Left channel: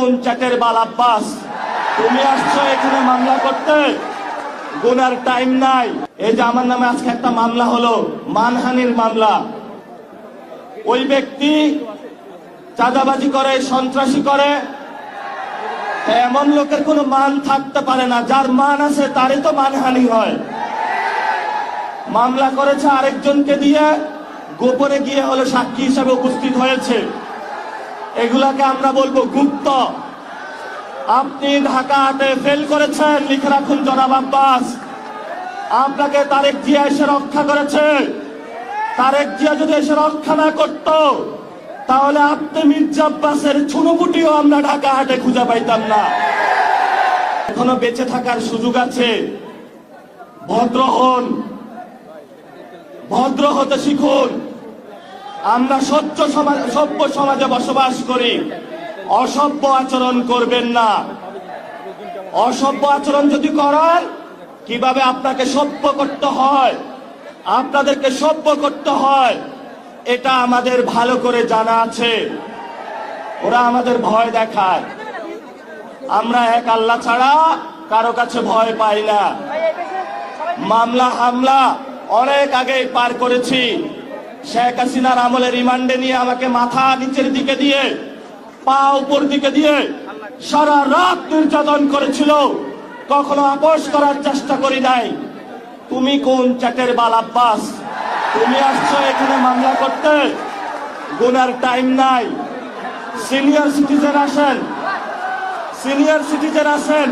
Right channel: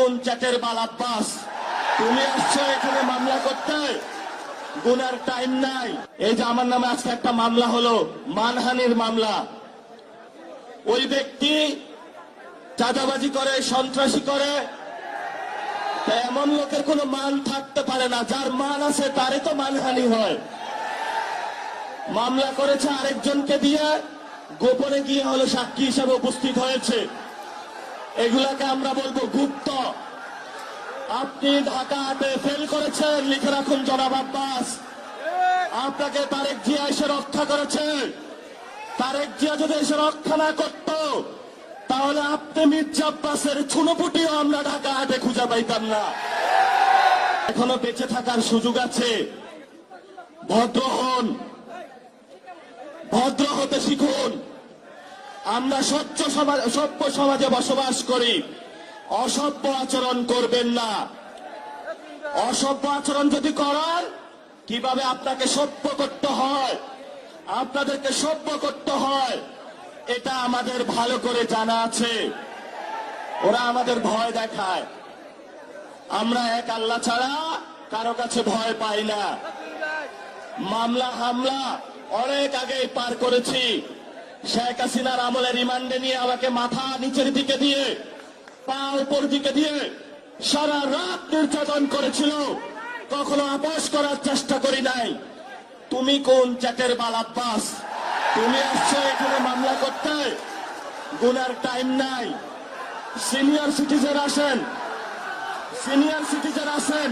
কোন চ্যাটের বাল আব্বাস? তুমি আসছো এখানে মামলা করতে, গুনার টাইম নাই। এই যে আমার নামে আজকে একটা মামলা হলো, মানহানির মামলা। ওই ব্যক্তি চাঁদাবাজি করে, সন্ত্রাসী করে, এমন লোকের কোনো মান থাকতে পারে না। যার মান আছে তারই তো মানহানি হয়। মামলা করেছে আরেকজনকে দিয়ে, গোপনে গিয়ে হলো সাক্ষী হিসাবে উপস্থিত হয়েছে। এগুলাকে আমরা বলবো গুপ্ত। আপনি ঢাকাতে ফেল করেছেন, লিখে রাখুন জনাব আব্বাস। আপনাকে তারেক জিয়া এসে রক্ষা করেছে। তারেক জিয়া যদি এসে রক্ষা না করত, তাহলে আপনি মির্জা আব্বাসের ছুনোপুটিও আমরা ঢাকা হাটে খুঁজে পাইতাম না। এখনো বেঁচে থাকার সুযোগ আছে। ভদ্র হন, ভদ্র হতে শিখুন। আমরা সভ্য সমাজে বসবাস করি। অসভ্য আচরণ করবেন না। অসভ্য আচরণ যদি করেন, কিভাবে আপনাকে সভ্য করতে হয়, আপনাদেরকে সভ্য করতে হয়, এটা আমাদের ভালো করে জানা আছে। ওরা আমাদের ভয় দেখায়। আমরা এক আল্লাহ ছাড়া কারো কাছে ভয় পাই না। মামলা হামলা অনেক আগেই পার করেছি। শেখ হাসিনার আমলে রিমান্ডে নিয়ে আমাকে মাথা নিচের দিকে দিয়ে, পা উপর দিকে দিয়ে সারা রাত নির্যাতন করেছিল। কখনো আপোষ করার চেষ্টা করি নাই। তুমি কোন চ্যাটের বাল আব্বাস? তুমি আসছো এখানে মামলা করতে, গুনার টাইম নাই। সিনিয়র সিটিজেন আসেন, সিনিয়র সিটিজেন আসেন।